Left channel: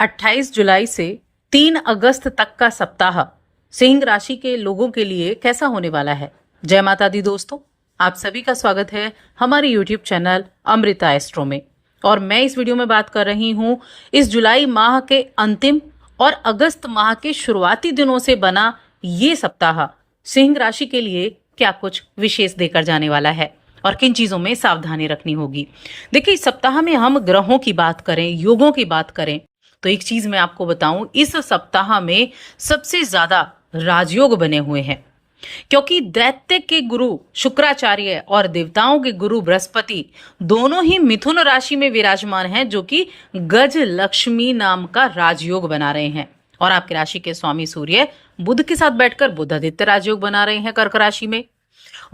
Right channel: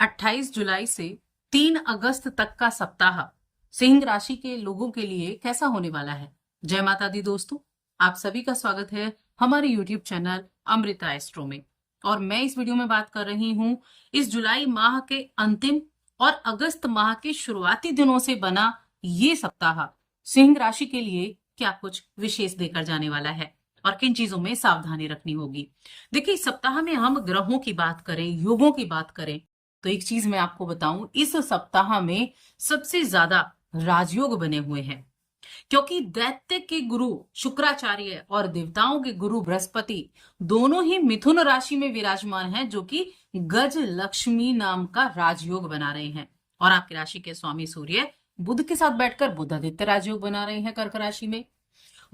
28 जुलाई से 3 अगस्त तक का सप्ताह सिंह राशि के लोगों के लिए कैसा होने वाला है। जय माता दी दोस्तों, आप सभी का स्वागत है हमारे YouTube चैनल अमृता एस्ट्रो में। और मैं इस वीडियो में बात कर रही हूं इस जुलाई माह के अंतिम और अगस्त माह के शुरुआती दिनों से बना ये सप्ताह सिंह राशि के लिए क्या कुछ विशेष देकर जाने वाला है और किन चीजों में सावधानी रखनी होगी। देखिए, इस सप्ताह में हम ग्रहों की बात करें, योगों की बात करें, तो एक चीज मैं आपको बताऊं, इस सप्ताह में सबसे ज्यादा राजयोग बने हुए हैं, क्योंकि दैत्य के गुरु शुक्राचार्य और देवताओं के गुरु बृहस्पति दोनों ही मिथुन राशि में विराजमान हैं, जो कि गज लक्ष्मी नाम का राजयोग बना रहे हैं। और आपकी राशि के स्वामी सूर्य बुध के साथ बैठकर बुधादित्य राजयोग बना रहे हैं कर्क राशि में।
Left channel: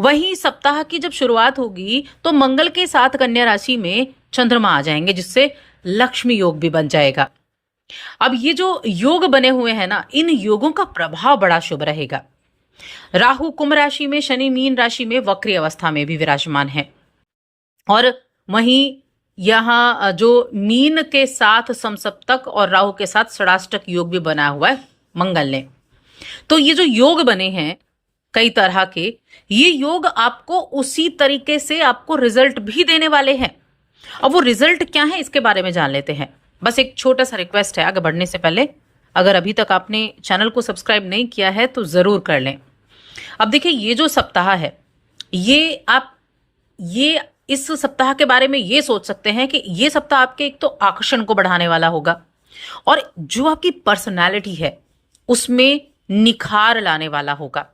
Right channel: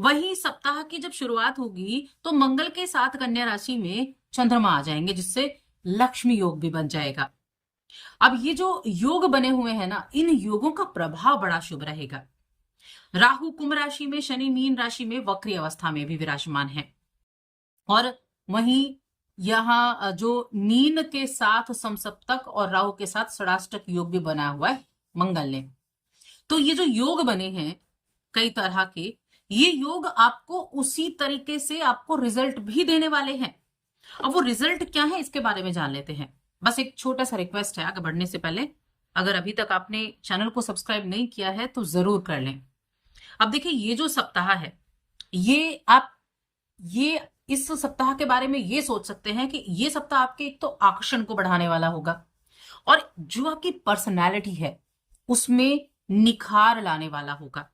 वहीं सप्ताह की जब शुरुआत होगी तो मंगल के साथ कन्या राशि में चंद्रमा आ जाएंगे, जिससे लक्ष्मी योग भी बन जाएगा। अब ये जो योग बने हुए हैं ना, इन योगों का प्रभाव बड़ा शुभ रहेगा। राहु कुंभ राशि में, शनि मीन राशि में वक्री अवस्था में भी विराजमान है। और वहीं यहां जो मीन के साथ समसप्तक और राहु के साथ षडाष्टक योग भी बना हुआ है मंगल ने। तो ये जो योग बने हैं कई तरह के, ये योग आपको उसी तरीके से आपको रिजल्ट भी देने वाले हैं। अब वो रिजल्ट क्या है, इसके बारे में जान लेते हैं। बस एक छोटा सा रिक्वेस्ट है, आगे बढ़ने से पहले अगर अभी तक आपने चैनल को सब्सक्राइब नहीं किया है तो जरूर कर लें। अब देखिए, ये जो सप्ताह है, ये इस सप्ताह के बारे में ये सोच सकते हैं कि ये सप्ताह आपके एक तो आकर्षण को बढ़ाने वाला होगा, और जो आपकी पर्सनैलिटी है उसमें निखार लाने वाला होगा।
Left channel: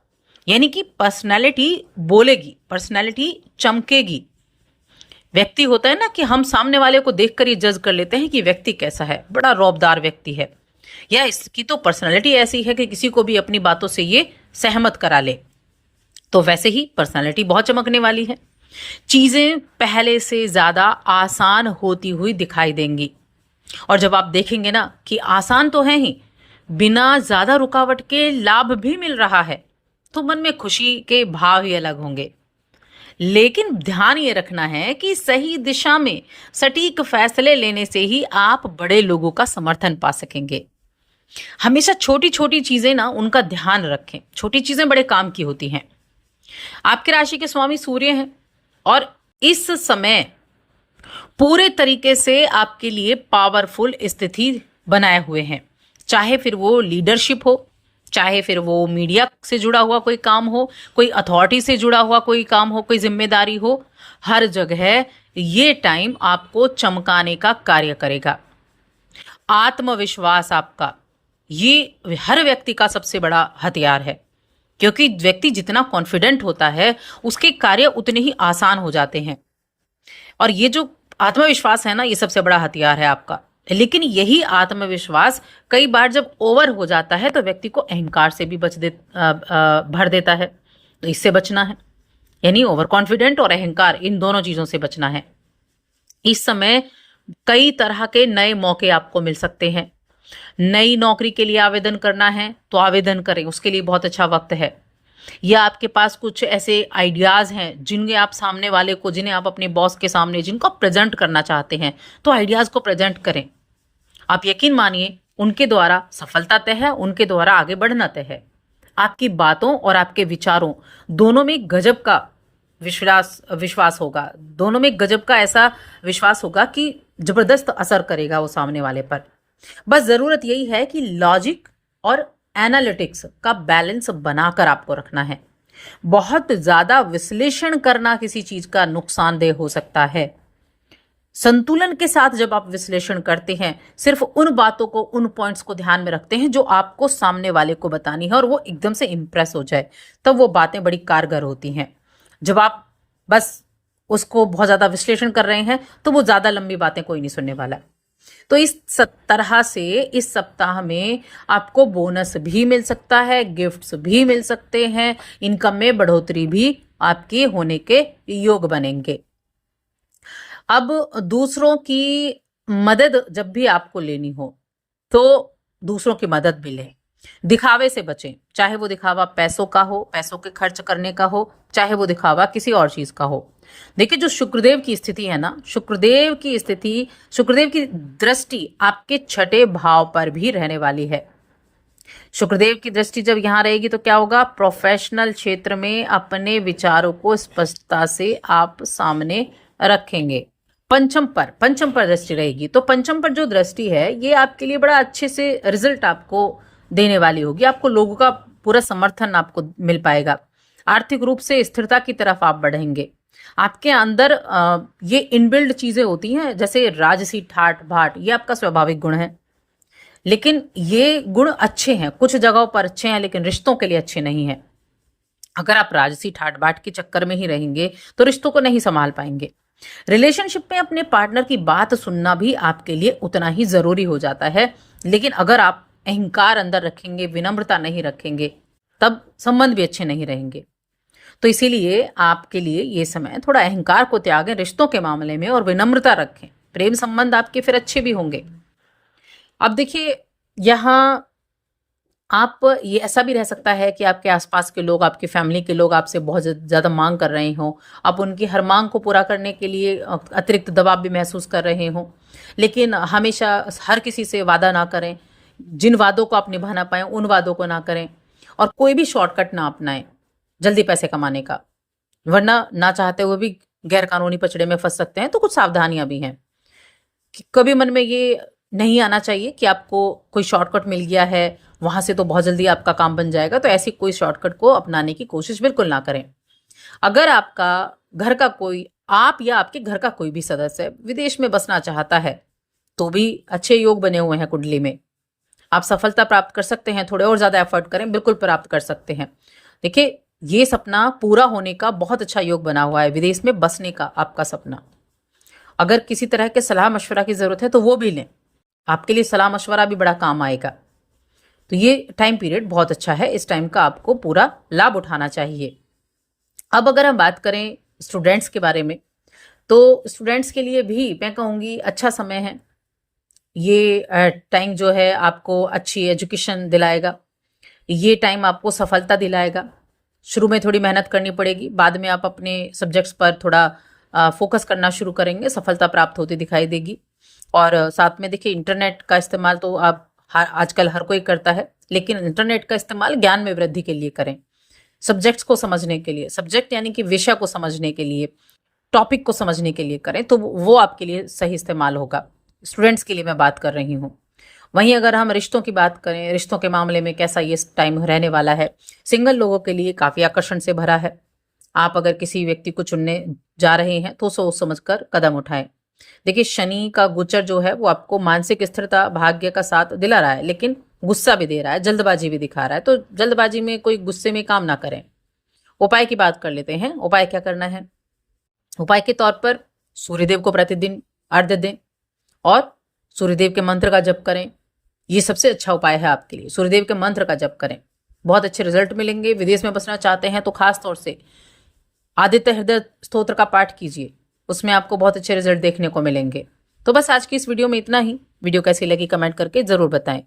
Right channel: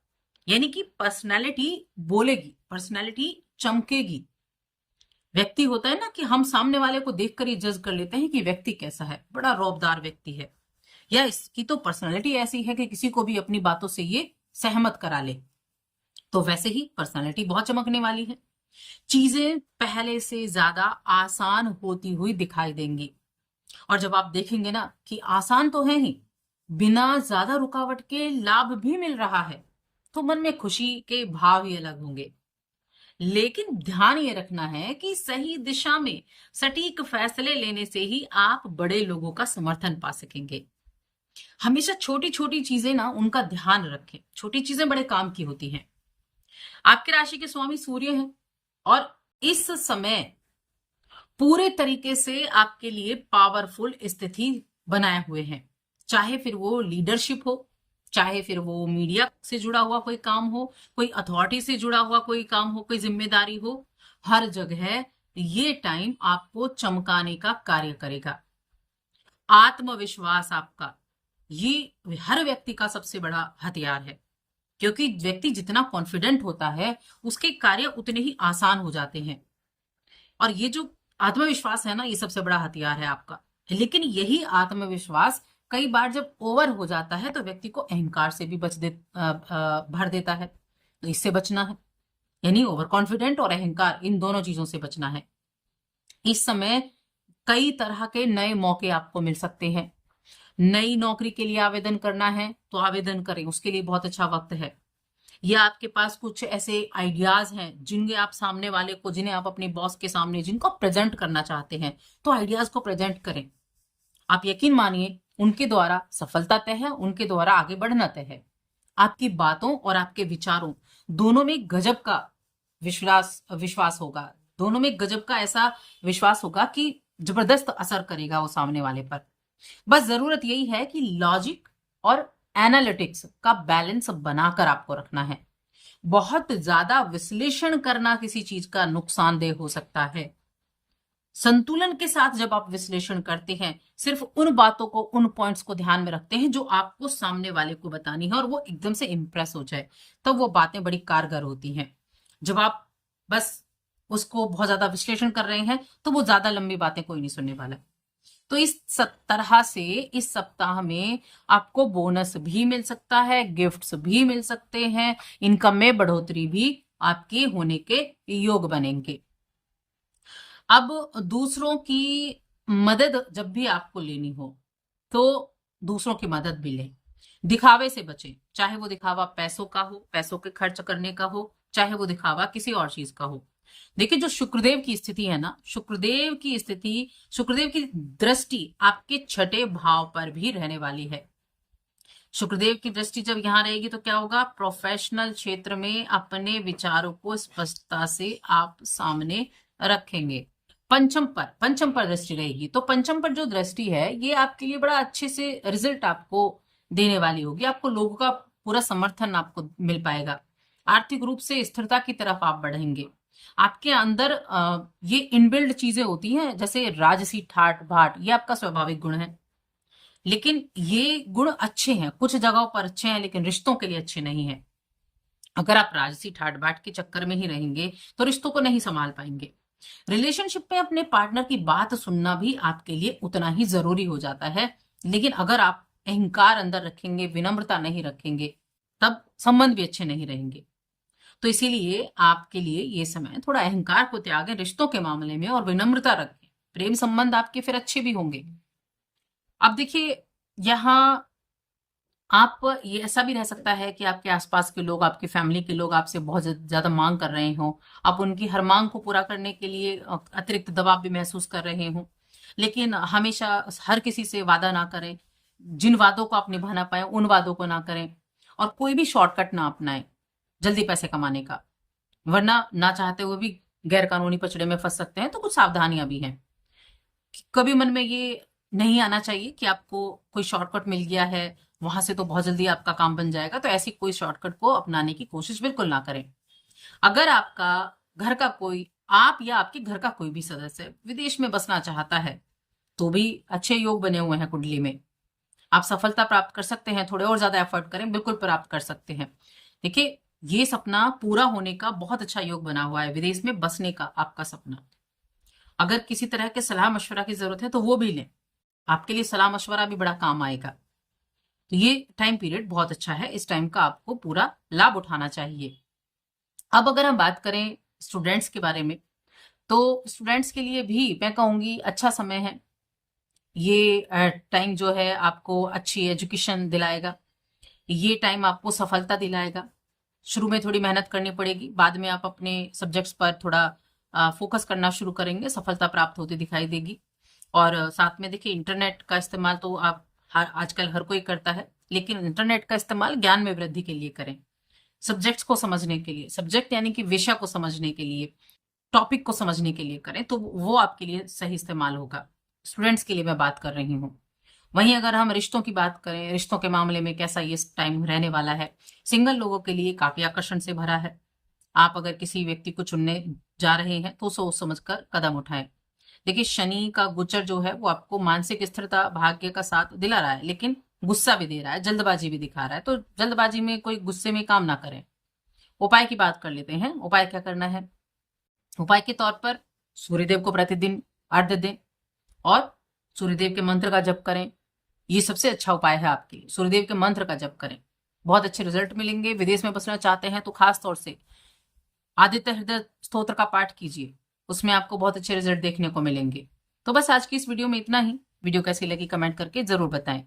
यानी कि पर्सनैलिटी बोलेगी, पर्सनैलिटी चमकेगी। व्यक्ति होता है ना कि हम सामने वाले को देखकर ये जज कर लेते हैं कि व्यक्ति कैसा है, बड़ा रौबदार व्यक्ति है, या इसकी तो पर्सनैलिटी ऐसी है कि किसी को भी अपनी बातों से ये सहमत करा ले। तो वैसे ही पर्सनैलिटी बहुत चमकने वाली है। चीजें पहले से ज्यादा आसान होती हुई दिखाई देंगी, और जब आप देखेंगे ना कि आसान तो है ही, बिना ज्यादा रुकावट के लाभ भी मिल रहा है, तो मन में खुशी के भाव ही अलग होंगे। लेकिन ध्यान ये रखना है कि सही दिशा में सटीक फैसले लेने से ही आप बड़े लोगों का समर्थन पा सकेंगे। हमेशा छोटी छोटी चीजें ना, उनका ध्यान रखें। छोटी चीजें बड़े काम की होती हैं। आपकी राशि के स्वामी सूर्य हैं, और इस समय पूरे तरीके से आपके लिए पावरफुल स्थिति बनाए हुए हैं। चाहे फिर वो लीडरशिप हो, चाहे फिर वो मीडिया से जुड़ा हुआ कोई काम हो, कोई अथॉरिटी से जुड़ा हुआ कोई काम हो, कोई जिम्मेदारी हो, हर जगह ये टाइम आपको चमकाने का कार्य करेगा। आत्मविश्वास आपका, ये हर व्यक्ति का सबसे बड़ा हथियार है, क्योंकि व्यक्ति जितना कॉन्फिडेंट होता है उसके कार्य उतने ही आसान हो जाते हैं। और ये जो आत्मविश्वास है ना, ये सबसे बड़ा हथियार है आपका। लेकिन यही आत्मविश्वास कई बार जब ओवर हो जाता है तो व्यक्ति को अहंकार से भी भर देता है। तो इससे बचना है, यानी ओवर कॉन्फिडेंट और अहंकार, इन दोनों चीजों से बचना है। इस समय कई तरह के नए मौके आपको मिल सकते हैं। नई नौकरी के लिए आवेदन करना है तो आवेदन करें, उसके लिए बहुत अच्छा वक्त है। या आपके पास कुछ ऐसे आइडियाज हैं जिन्हें आप सामने वाले को, जिन्हें आप अपने बॉस के सामने जिनको प्रेजेंट करना चाहते हैं, तो आइडियाज को प्रेजेंट करें। आप यकीन मानिए, उनके द्वारा सफलता तय है, उनके द्वारा आगे बढ़ना तय है। आपकी बातों और आपके विचारों दोनों में गजब का विश्वास होगा, दोनों में गजब का ऐसा विश्वास होगा कि जबरदस्त असर करेगा वो सामने वाले पर। बस जरूरत यही है कि लॉजिक और एनालिटिक्स का बैलेंस बनाकर आपको रखना है। बहुत ज्यादा विश्लेषण करना किसी चीज का नुकसानदेह हो सकता है। संतुलन के साथ जब आप विश्लेषण करते हैं, सिर्फ उन बातों को, उन पॉइंट्स को ध्यान में रखते हैं जो आपको सामने वाले को बतानी है, और वो एकदम से इंप्रेस हो जाए, तब वो बातें बड़ी कारगर होती हैं। जब आप बस उसको बहुत ज्यादा विश्लेषण कर रहे हैं तो वो ज्यादा लंबी बातें कोई नहीं सुनने वाला। तो इस तरह से इस सप्ताह में आपको बोनस भी मिल सकता है, गिफ्ट्स भी मिल सकते हैं, इनकम में बढ़ोतरी भी आपकी होने के योग बनेंगे। अब दूसरों की मदद जब भी आपको लेनी हो तो दूसरों की मदद भी लें। दिखावे से बचें, चाहे वो दिखावा पैसों का हो, पैसों के खर्च करने का हो, चाहे वो दिखावा किसी और चीज का हो। देखिए, जो शुक्रदेव की स्थिति है ना, शुक्रदेव की स्थिति, शुक्रदेव की दृष्टि आपके छठे भाव पर भी रहने वाली है। शुक्रदेव की दृष्टि जब यहाँ रहेगी तो क्या होगा, प्रोफेशनल क्षेत्र में अपने विचारों को स्पष्टता से आप सामने रखेंगे। पंचम पर दृष्टि रहेगी, तो पंचम पर जो दृष्टि है ये आपके लिए बड़ा अच्छे से रिजल्ट आपको देने वाली होगी। आपको लोगों का पूरा समर्थन आपको मिल पाएगा। आर्थिक रूप से स्थिरता की तरफ आप बढ़ेंगे। आपके अंदर ये इनबिल्ड चीजें होती हैं, जैसे राजसी ठाठ बाट, ये आपका स्वाभाविक गुण है, लेकिन ये गुण अच्छे हैं, कुछ जगहों पर अच्छे हैं, लेकिन रिश्तों के लिए अच्छे नहीं है। अगर आप राजसी ठाट बाट के चक्कर में ही रहेंगे तो रिश्तों को नहीं संभाल पाएंगे। रिलेशनशिप में अपने पार्टनर की बात सुनना भी आपके लिए उतना ही जरूरी हो जाता है, लेकिन अगर आप अहंकार अंदर रखेंगे, विनम्रता नहीं रखेंगे, तब संबंध भी अच्छे नहीं रहेंगे। तो इसीलिए आपके लिए ये समय थोड़ा अहंकार को त्यागें रिश्तों के मामले में और विनम्रता रखें। प्रेम संबंध आपके फिर अच्छे भी होंगे। अब देखिए, यहाँ आप ये ऐसा भी रह सकता है कि आपके आसपास के लोग, आपकी फैमिली के लोग आपसे बहुत ज़्यादा मांग कर रहे हों। आप उनकी हर मांग को पूरा करने के लिए अतिरिक्त दबाव भी महसूस कर रहे हों, लेकिन हमेशा हर किसी से वादा ना करें। जिन वादों को आप निभा ना पाएं उन वादों को ना करें, और कोई भी शॉर्टकट ना अपनाएं जल्दी पैसे कमाने का, वरना ना चाहते हुए भी गैर कानूनी पचड़े में फंस सकते हैं। तो कुछ सावधानियां भी हैं कि कभी मन में ये नहीं आना चाहिए कि आपको कोई शॉर्टकट मिल गया है, वहां से तो बहुत जल्दी आपका काम बन जाएगा। तो ऐसी कोई शॉर्टकट को अपनाने की कोशिश बिल्कुल ना करें। अगर आपका घर का कोई, आप या आपके घर का कोई भी सदस्य विदेश में बसना चाहता है तो भी अच्छे योग बने हुए हैं कुंडली में, आप सफलता प्राप्त कर सकते हैं। थोड़े और ज्यादा एफर्ट करें, बिल्कुल प्राप्त कर सकते हैं। देखिए, ये सपना पूरा होने का बहुत अच्छा योग बना हुआ है, विदेश में बसने का आपका सपना। अगर किसी तरह के सलाह मशवरा की जरूरत है तो वो भी लें, आपके लिए सलाह मशवरा भी बड़ा काम आएगा। तो ये टाइम पीरियड बहुत अच्छा है, इस टाइम का आपको पूरा लाभ उठाना चाहिए। अब अगर हम बात करें स्टूडेंट्स के बारे में, तो स्टूडेंट्स के लिए भी मैं कहूँगी अच्छा समय है। ये टाइम जो है आपको अच्छी एजुकेशन दिलाएगा, ये टाइम आपको सफलता दिलाएगा। शुरू में थोड़ी मेहनत करनी पड़ेगी, बाद में आप अपने सब्जेक्ट्स पर थोड़ा फोकस करना शुरू करेंगे, सफलता प्राप्त होती दिखाई देगी। और साथ में देखिए, इंटरनेट का इस्तेमाल तो आप आजकल हर कोई करता है, लेकिन इंटरनेट का इस्तेमाल ज्ञान में वृद्धि के लिए करें, सब्जेक्ट्स को समझने के लिए, सब्जेक्ट यानी कि विषय को समझने के लिए, टॉपिक को समझने के लिए करें, तो वो आपके लिए सही इस्तेमाल होगा। स्टूडेंट्स के लिए मैं बात कर रही हूँ। वहीं अगर हम रिश्तों की बात करें, रिश्तों के मामले में कैसा ये टाइम रहने वाला है, सिंगल लोगों के लिए काफी आकर्षण से भरा है। आप अगर किसी व्यक्ति को चुनने जा रहे हैं तो सोच समझकर कदम उठाएं। देखिए, शनि का गोचर जो है वो आपको मानसिक स्थिरता, भाग्य का साथ दिला रहा है, लेकिन गुस्सा भी दे रहा है, जल्दबाजी भी दिखा रहा है। तो जल्दबाजी में कोई गुस्से में काम ना करें। उपाय की बात कर लेते हैं। उपाय क्या करना है? उपाय के तौर पर सूर्यदेव को प्रतिदिन अर्घ्य दें और सूर्यदेव के मंत्र का जप करें। ये सबसे अच्छा उपाय है आपके लिए। सूर्यदेव के मंत्र का जप करें, बहुत अच्छे रिजल्ट मिलेंगे। विदेश में बसना चाहते हैं तो खास तौर से आदित्य हृदय स्तोत्र का पाठ कीजिए, उसमें आपको बहुत अच्छे रिजल्ट देखने को मिलेंगे। तो बस आज की इस वीडियो में इतना ही। वीडियो कैसी लगी कमेंट करके जरूर बताएं।